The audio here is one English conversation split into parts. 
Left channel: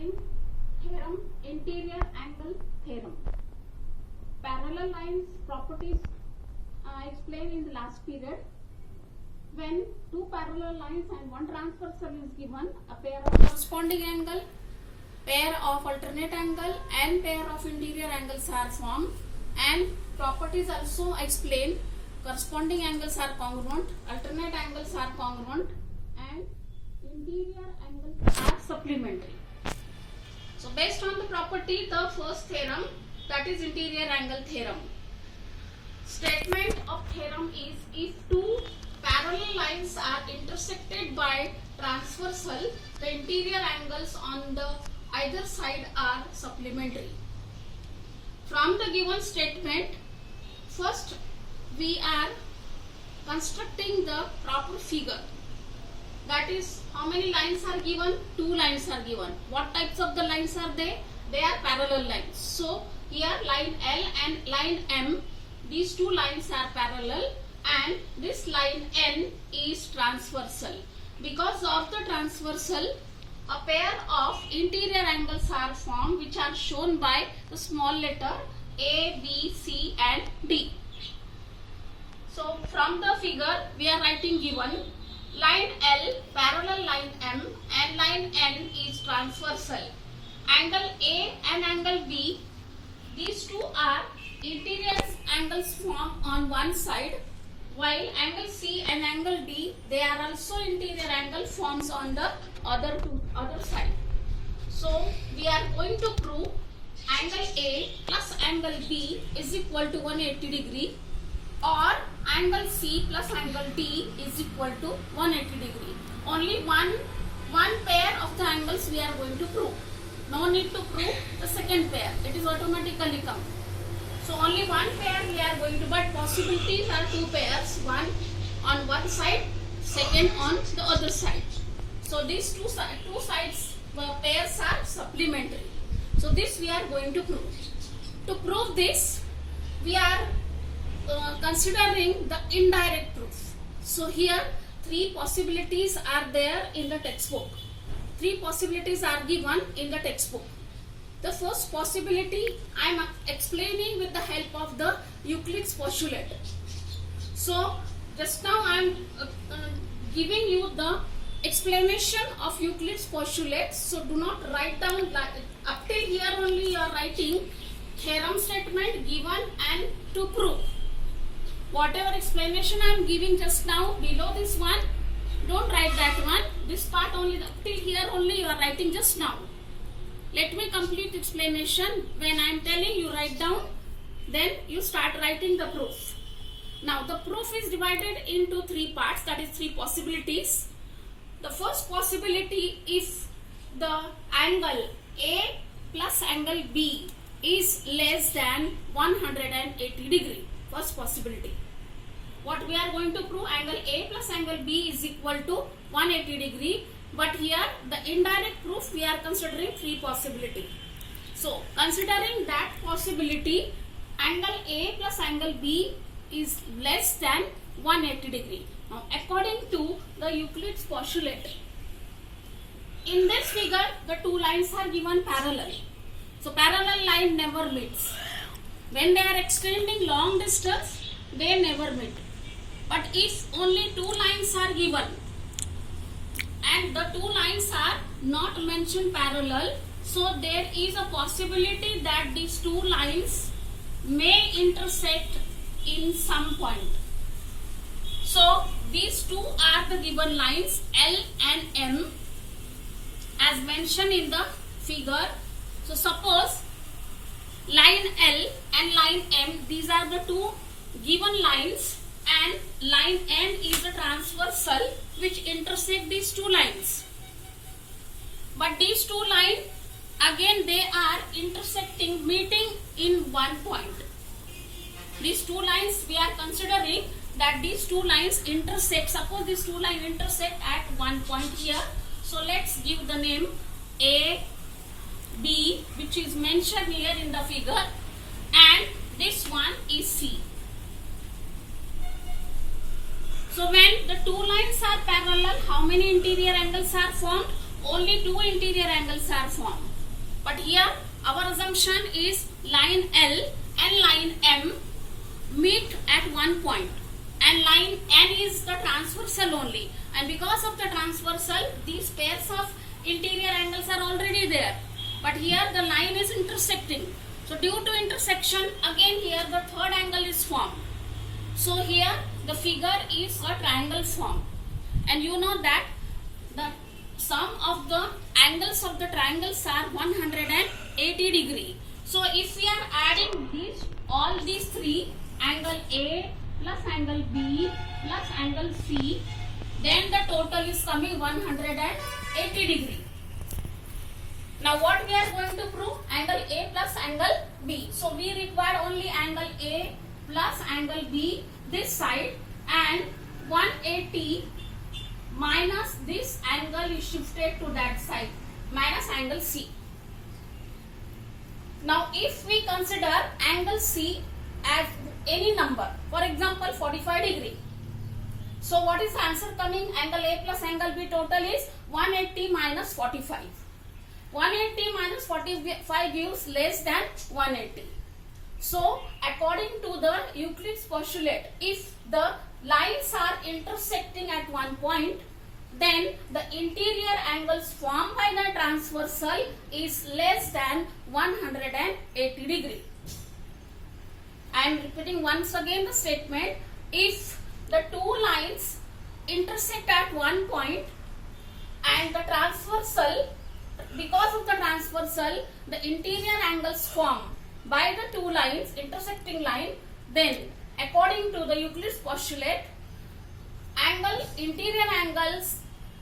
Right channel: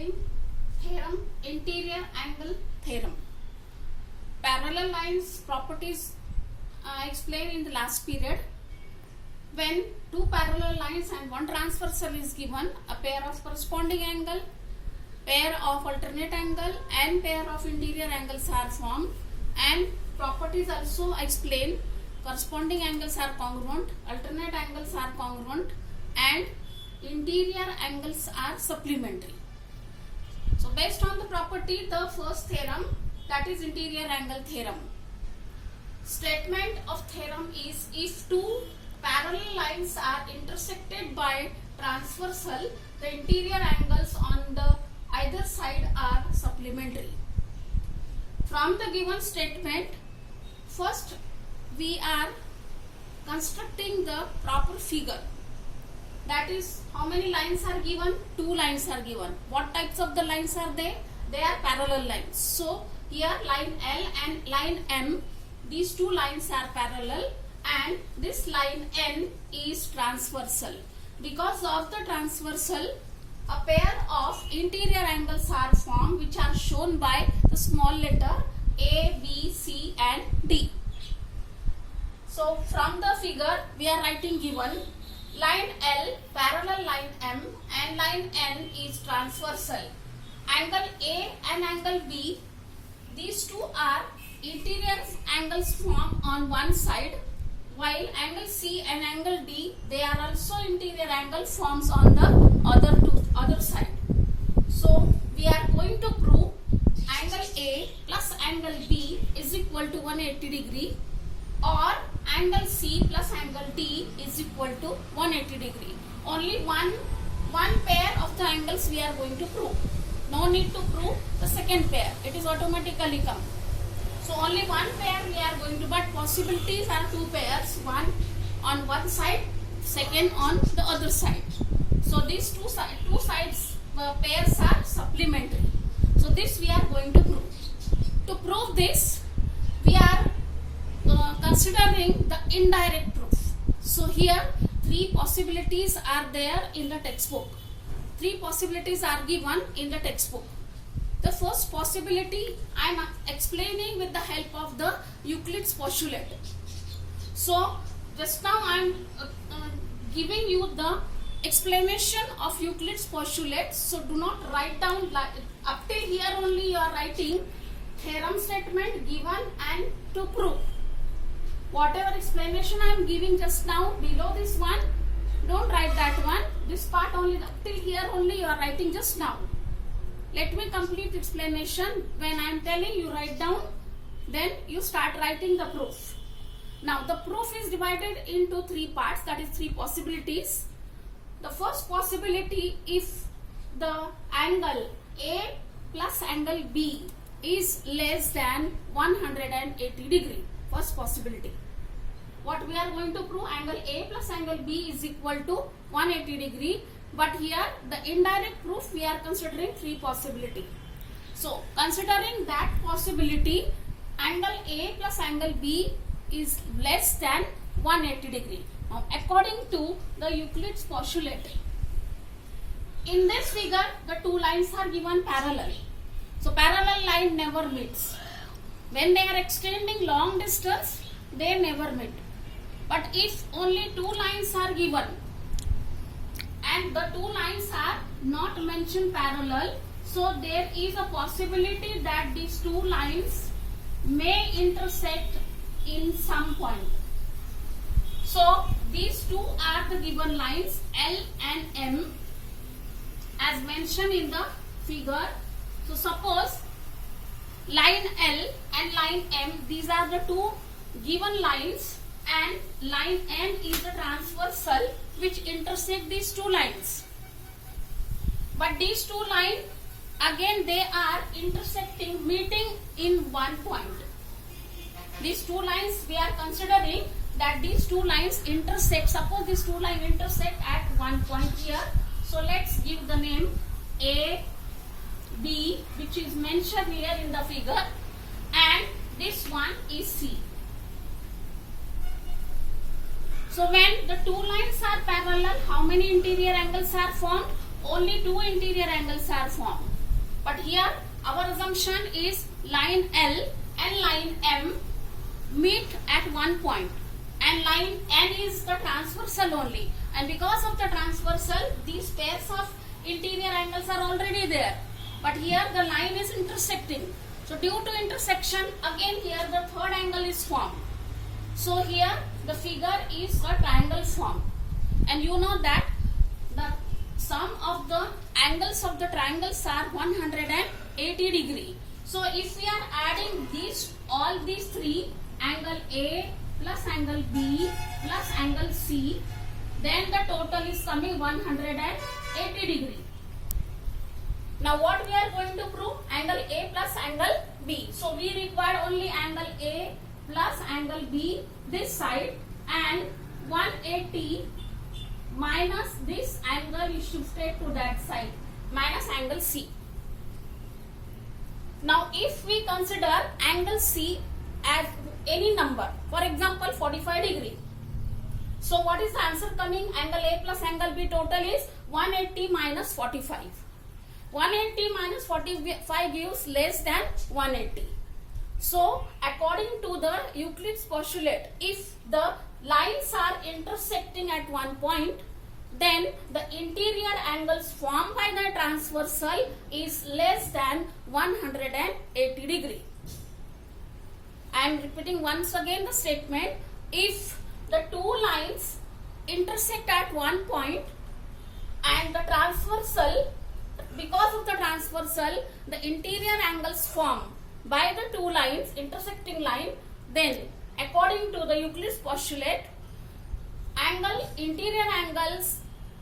having theorem, interior angle theorem. Parallel lines properties explained in the last period. When two parallel lines and one transversal is given, a pair of corresponding angle, pair of alternate angle and pair of interior angles are formed, and properties also explain corresponding angles are congruent, alternate angles are congruent and interior angles are supplementary. So based on the property, the first theorem, that is interior angle theorem. Statement of theorem is, if two parallel lines are intersected by transversal, the interior angles on the either side are supplementary. From the given statement, first we are constructing the proper figure. That is, how many lines are given? Two lines are given. What types of the lines are they? They are parallel lines. So here line L and line M, these two lines are parallel and this line N is transversal. Because of the transversal, a pair of interior angles are formed, which are shown by the small letter A, B, C and D. So from the figure we are writing given line L parallel line M and line N is transversal. Angle A and angle B, these two are interior angles formed on one side, while angle C and angle D, they are also interior angle forms on the other side. So we are going to prove angle A plus angle B is equal to 180 degree, or angle C plus angle D is equal to 180 degree. Only one pair of the angles we are going to prove. No need to prove the second pair. It is automatically come. So only one pair we are going to, but possibilities are two pairs. One on one side, second on the other side. So these two sides pairs are supplementary. So this we are going to prove. To prove this, we are considering the indirect proof. So here three possibilities are there in the textbook. Three possibilities are given in the textbook. The first possibility I am explaining with the help of the Euclid's postulate. So just now I am giving you the explanation of Euclid's postulate. So do not write down, up till here only you are writing theorem statement given and to prove. Whatever explanation I am giving just now below this one, don't write that one. This part only, up till here only you are writing just now. Let me complete explanation. When I am telling you write down, then you start writing the proof. Now the proof is divided into three parts, that is three possibilities. The first possibility, if the angle A plus angle B is less than 180 degree. First possibility. What we are going to prove, angle A plus angle B is equal to 180 degree. But here the indirect proof we are considering three possibility. So considering that possibility, angle A plus angle B is less than 180 degree. Now according to the Euclid's postulate, in this figure the two lines are given parallel. So parallel line never meets. When they are extending long distance, they never meet. But if only two lines are given and the two lines are not mentioned parallel, so there is a possibility that these two lines may intersect in some point. So these two are the given lines L and M as mentioned in the figure. So suppose line L and line M, these are the two given lines, and line N is the transversal which intersect these two lines. But these two lines, again they are intersecting, meeting in one point. These two lines we are considering that these two lines intersect. Suppose these two lines intersect at one point here. So let's give the name A, B, which is mentioned here in the figure, and this one is C. So when the two lines are parallel, how many interior angles are formed? Only two interior angles are formed. But here our assumption is line L and line M meet at one point, and line N is the transversal only, and because of the transversal these pairs of interior angles are already there, but here the line is intersecting. So due to intersection, again here the third angle is formed. So here the figure is a triangle form, and you know that the sum of the angles of the triangles are 180 degree. So if we are adding all these three, angle A plus angle B plus angle C, then the total is coming 180 degree. Now what we are going to prove? Angle A plus angle B. So we require only angle A plus angle B this side, and 180 minus this angle is shifted to that side, minus angle C. Now if we consider angle C as any number, for example 45 degree, so what is the answer coming? Angle A plus angle B total is 180 minus 45. 180 minus 45 gives less than 180. So according to the Euclid's postulate, if the lines are intersecting at one point, then the interior angles formed by the transversal is less than 180 degree. I am repeating once again the statement. If the two lines intersect at one point and the transversal, because of the transversal, the interior angles formed by the two lines, intersecting line, then according to the Euclid's postulate, interior angles,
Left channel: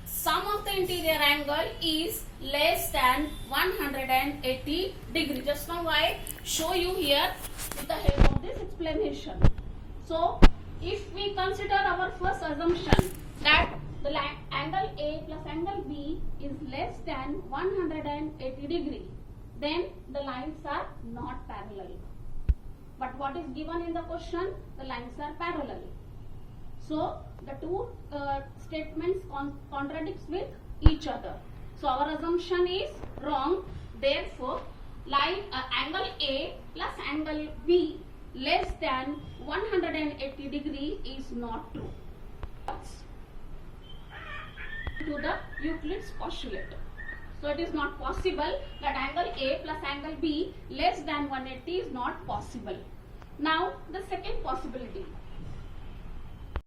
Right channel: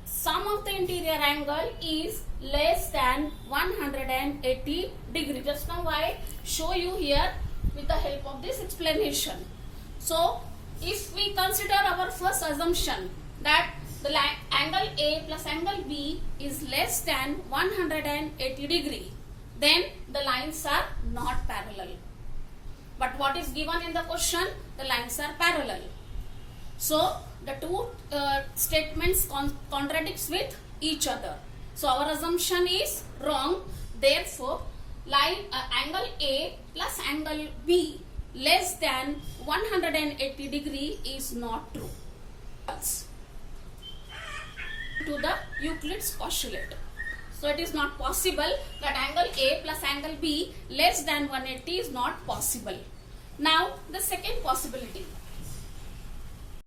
sum of the interior angle is less than 180 degree. Just now I show you here with the help of this explanation. So if we consider our first assumption that the angle A plus angle B is less than 180 degree, then the lines are not parallel. But what is given in the question? The lines are parallel. So the two statements contradicts with each other. So our assumption is wrong. Therefore, angle A plus angle B less than 180 degree is not true. To the Euclid's postulate. So it is not possible that angle A plus angle B less than 180 is not possible. Now the second possibility.